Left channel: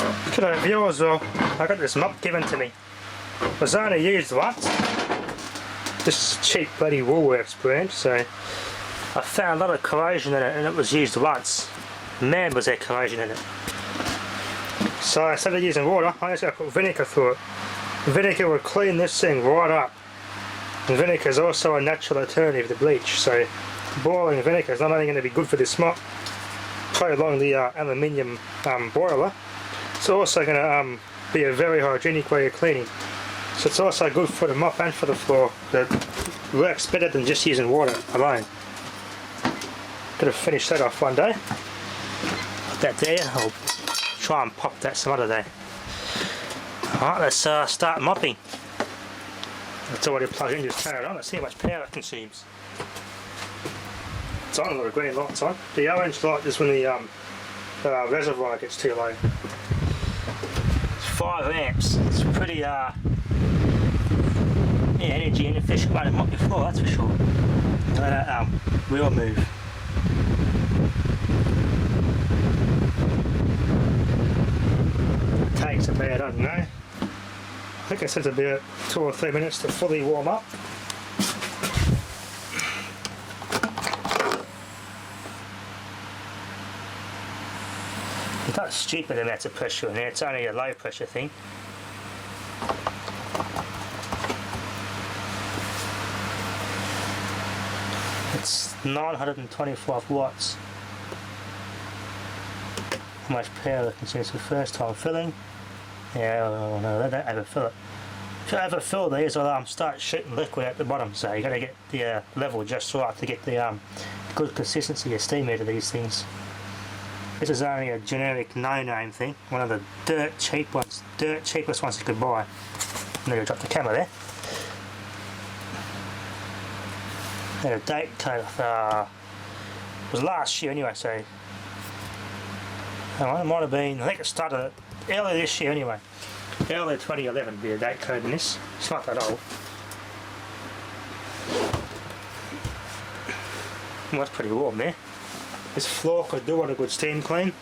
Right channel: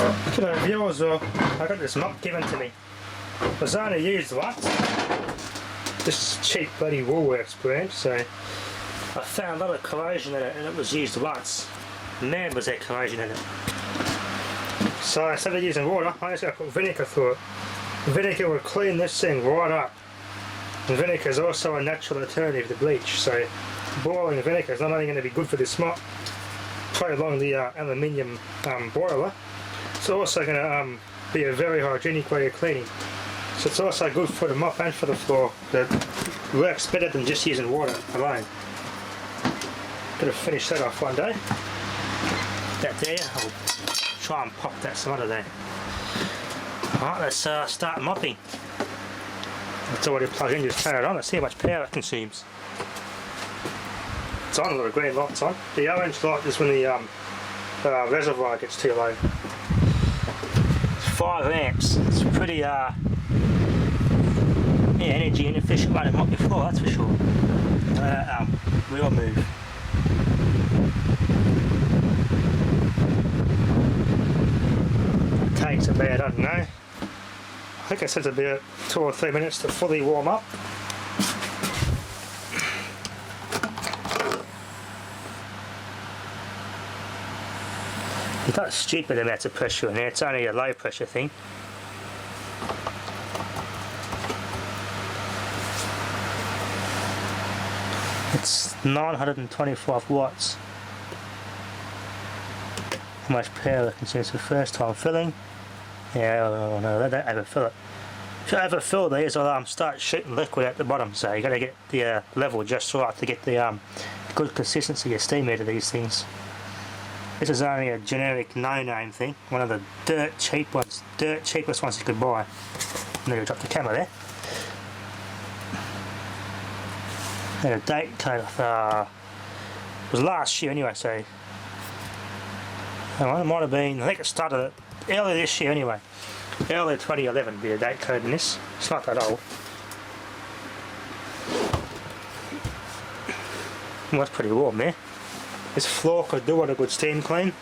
G'day viewers, I got this mop given to me. It was only used once. This cheap bloody Woolworths brand, so I found a lot of corrosion in it and it was used once. Man, was there corrosion in it. So instead of using water, I just got to put vinegar through it. Vinegar will clean this thing right up. And vinegar is also a natural alternative to bleach, so boiling vinegar is not only going to be good for this mop, prolong the aluminium boiler, it's also going to be a very hygienic way of cleaning. So it's also good for the mop and for the floor. It works better than just using water alone. Gotta finish that off one day. That there, I'll try and pop that some other day. Alright, let's start mopping. It's already plugged in, just turn it on, let's see how much power it consumes. It's on, a lot of green lights on. The orange light is when the reservoir gets too low. It's 5 amps, it's pretty yeah, energy inefficient way to mop your floor, that's for sure. Let that wheel move. It takes about, I don't know, I think it says about 2 or 3 minutes to fully warm up. It's not stupid amounts of pressure in there, it's only a low pressure thing. It's 925 watts. How much power it consumes for the first time filling. Yeah, no, they don't overfill it. If you overfill these, it'll start shooting liquid at the bottom, so you got to get the level just right to get the good consistency of steam out of these things. This is only a generic no-name thing, one of the dirt cheapest ones you could buy. I'm going to drop the camera there. And a date code of, it was last year anyway, so it might have been, I think it started early this year anyway. Early 2011 would be a date code in this. It's not that old. Well, that's pretty warm there. This floor could do with a good steam clean.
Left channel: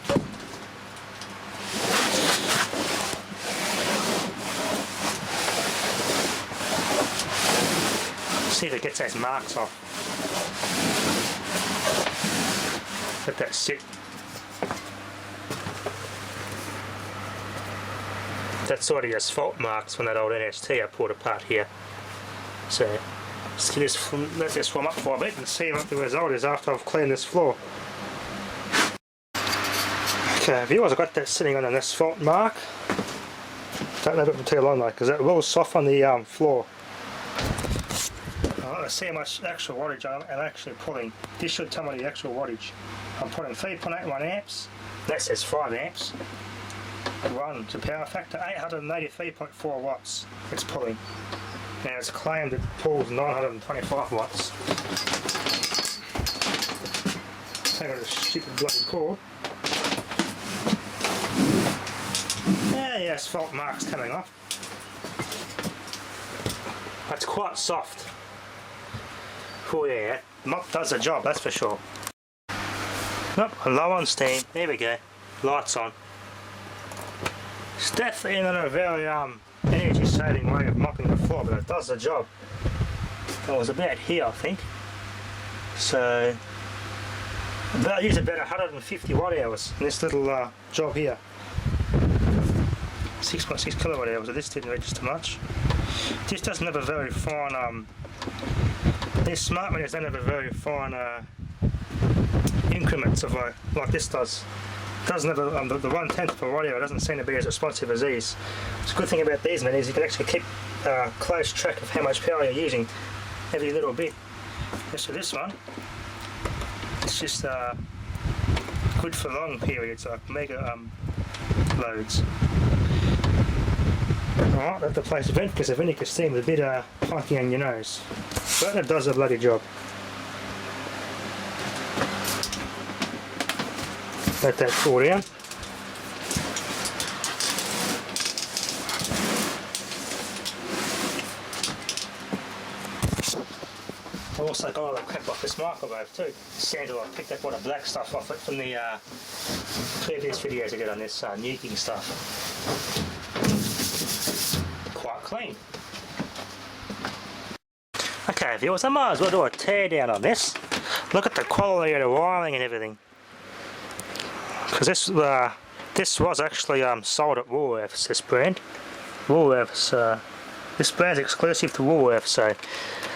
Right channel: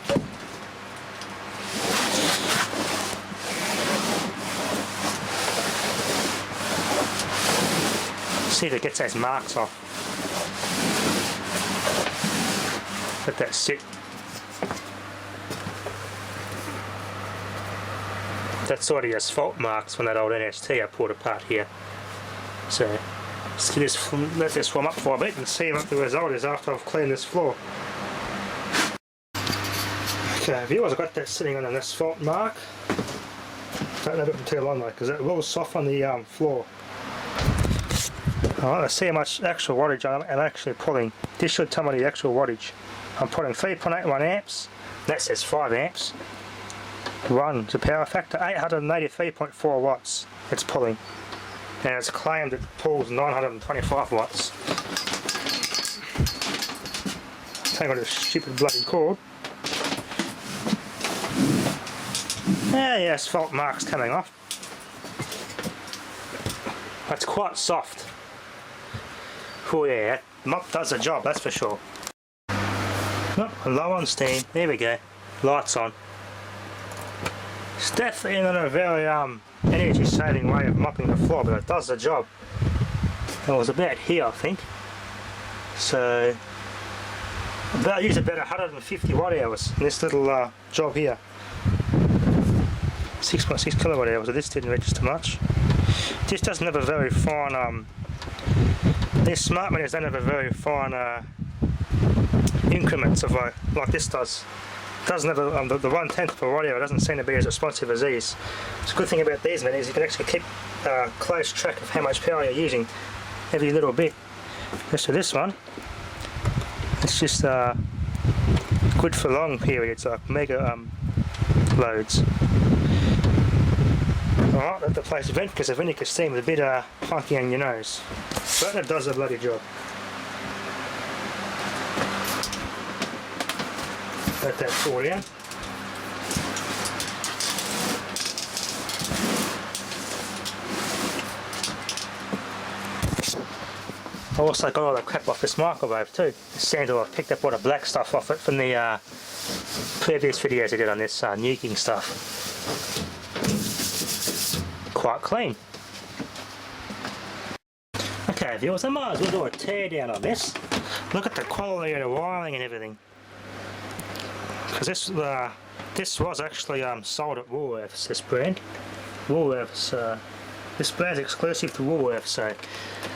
See if it gets those marks off. Let that sit. That's sort of asphalt marks from that old NST I pulled apart here. So let this warm up for a bit and see what the result is after I've cleaned this floor. Okay, viewers, I've got that sitting on an asphalt mark. Don't leave it for too long though, because it will soften the floor. Alright, let's see how much actual wattage I'm actually pulling. This should tell me the actual wattage. I'm putting 3.81 amps, that says 5 amps. One, the power factor, 883.4 watts it's pulling. And it's claimed it pulls 925 watts. Hang on this stupid bloody cord. Yeah, asphalt marks coming off. That's quite soft. Oh yeah, mop does the job, that's for sure. Oh, low on steam, there we go. Lights on. It's definitely not a very energy saving way of mopping the floor, but it does the job. It was about here, I think. So I used about 150 watt hours in this little job here. 6.6 kilowatt hours, so this didn't register much. This doesn't have a very fine, these smart meters don't have a very fine increments of like this does. It doesn't have a, the 1/10 per watt hour doesn't seem to be as responsive as these. The good thing about these meters is you can actually keep close track of how much power you're using every little bit. As for this one, it's just good for long periods, like mega loads. Alright, let the place vent because the vinegar steam is a bit funky on your nose. But it does a bloody job. Let that cool down. I also got all the crap off this microwave too. The sand, I picked up all the black stuff off it from the previous videos I did on this nuking stuff. Quite clean. Okay viewers, I might as well do a teardown on this. Look at the quality of the wiring and everything. Because this was actually sold at Woolworths, this brand. Woolworths, this brand's exclusive to Woolworths, so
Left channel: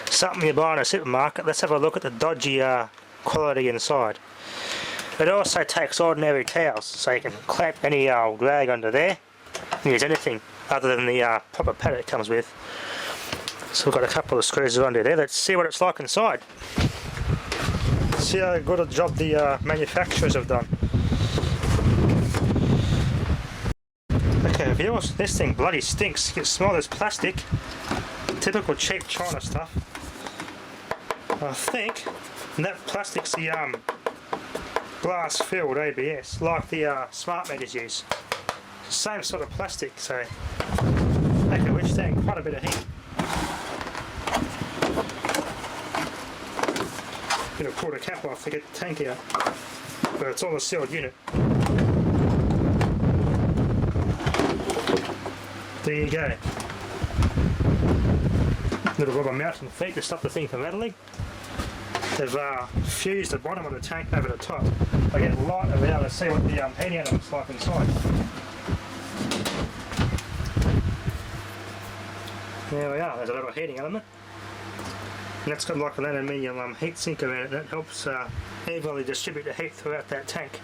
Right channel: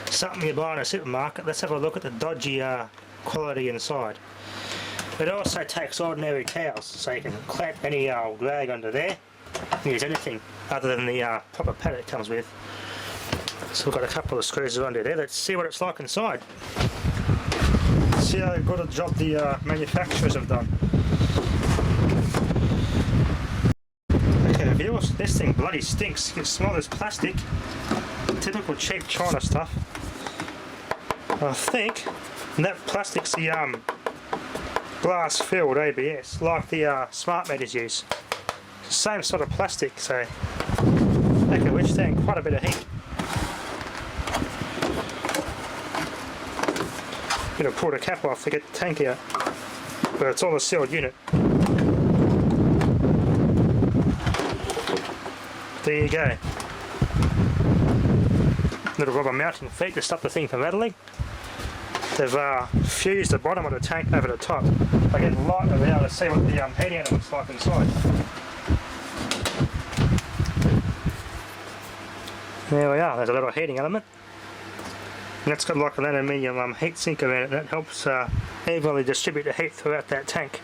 something you buy in a supermarket. Let's have a look at the dodgy quality inside. It also takes ordinary towels, so you can clamp any rag under there and use anything other than the proper pad it comes with. So we've got a couple of screws under there. Let's see what it's like inside. See how good a job the manufacturers have done. Okay viewers, this thing bloody stinks. You can smell this plastic. Typical cheap China stuff. I think that plastic's the glass filled ABS, like the smart meters use. Same sort of plastic, so they can withstand quite a bit of heat. I'm going to pull the cap off to get the tank out, but it's all a sealed unit. There you go. Little rubber mounting feet to stop the thing from rattling. They've fused the bottom of the tank over the top. I get light over now to see what the heating element looks like inside. There we are, there's a little heating element. And that's got like an aluminium heat sink around it that helps evenly distribute the heat throughout that tank.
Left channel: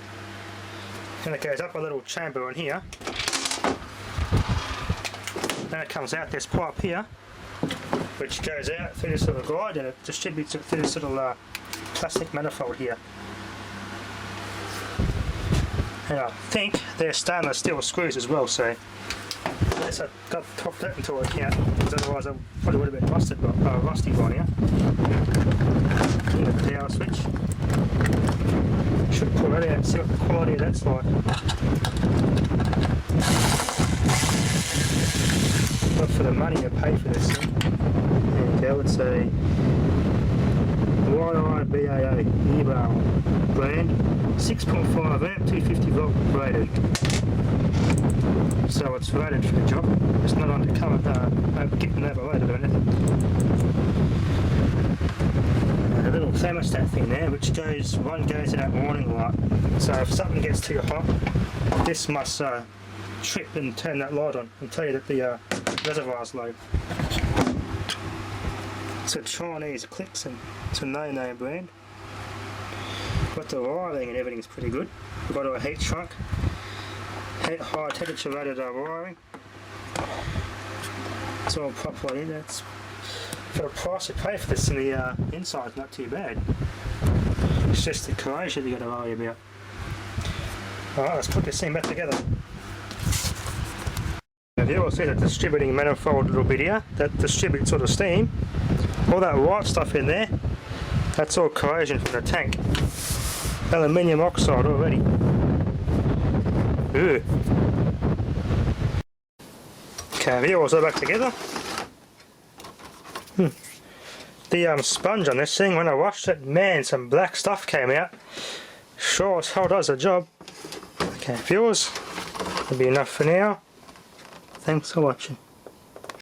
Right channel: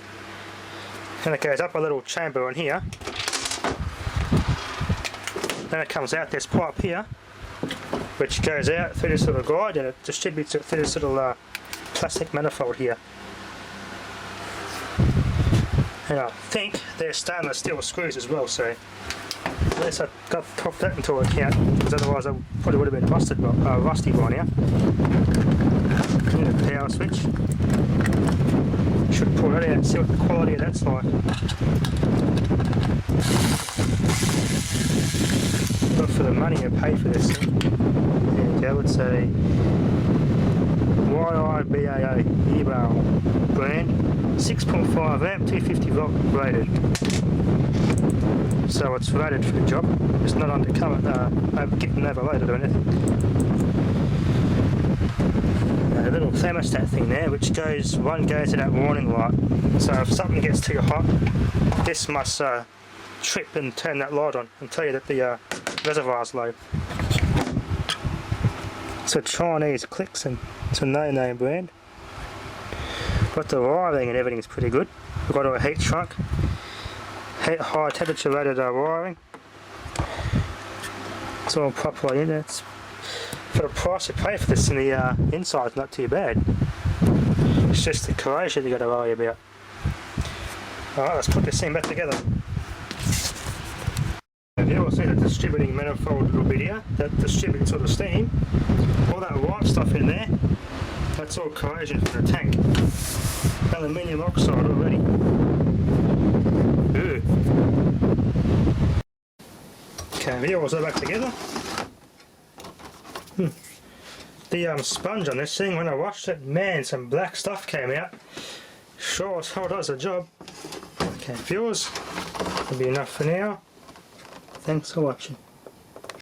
And it goes up a little chamber in here. Then it comes out this pipe here, which goes out through this little guide and it distributes it through this little plastic manifold here. And I think they're stainless steel screws as well, so unless I got to top that into account, because otherwise I probably would have been rusty by now. Need a power switch. Should pull that out and see what the quality of that's like. But for the money you pay for this thing, there you go, it's a YIBAA EBAL brand, 6.5 amp, 250 volt rated. So it's rated for the job. It's not undercover, getting overloaded or anything. A little thermostat thing there, which goes to that warning light. So if something gets too hot, this must trip and turn that light on and tell you that the reservoir's low. It's a Chinese clicks and it's a no-name brand. But the wiring and everything's pretty good. We've got a heat shrunk, high temperature rated wiring. It's all properly in there. It's, for the price you pay for this, in the inside's not too bad. It's just the corrosion you got to worry about. Alright, let's put this thing back together. You will see the distributing manifold little bit here that distributes all the steam. All that white stuff in there, that's all corrosion from the tank. Aluminium oxide already. Ooh. Okay, here we'll back together. The sponge on this thing, when I washed it, man, some black stuff came out. Sure as hell does the job. Okay, viewers, that'll be enough for now. Thanks for watching.